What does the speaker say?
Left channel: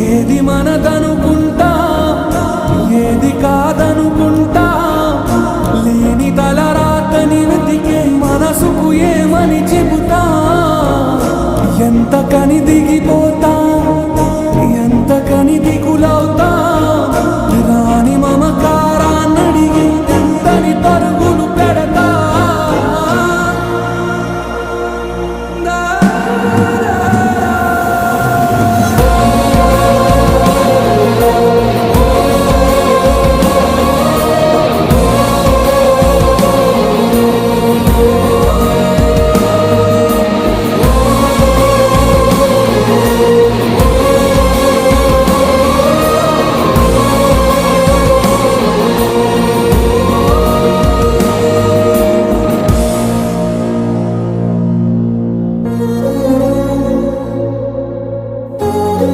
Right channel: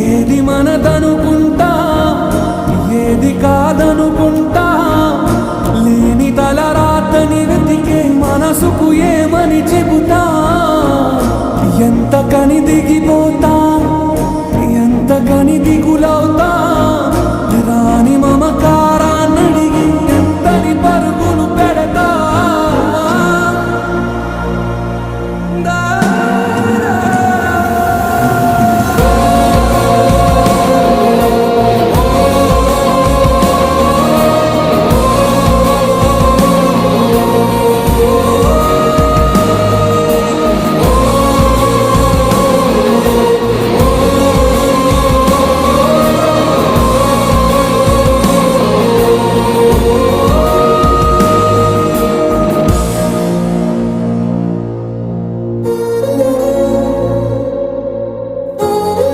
ఏది మనదనుకుంటా ఏది కాదనుకుంటా లేని తలరాతని వెతికే మనసుకు ఏమని చెబుతా ఎంత కని దిగిపోతా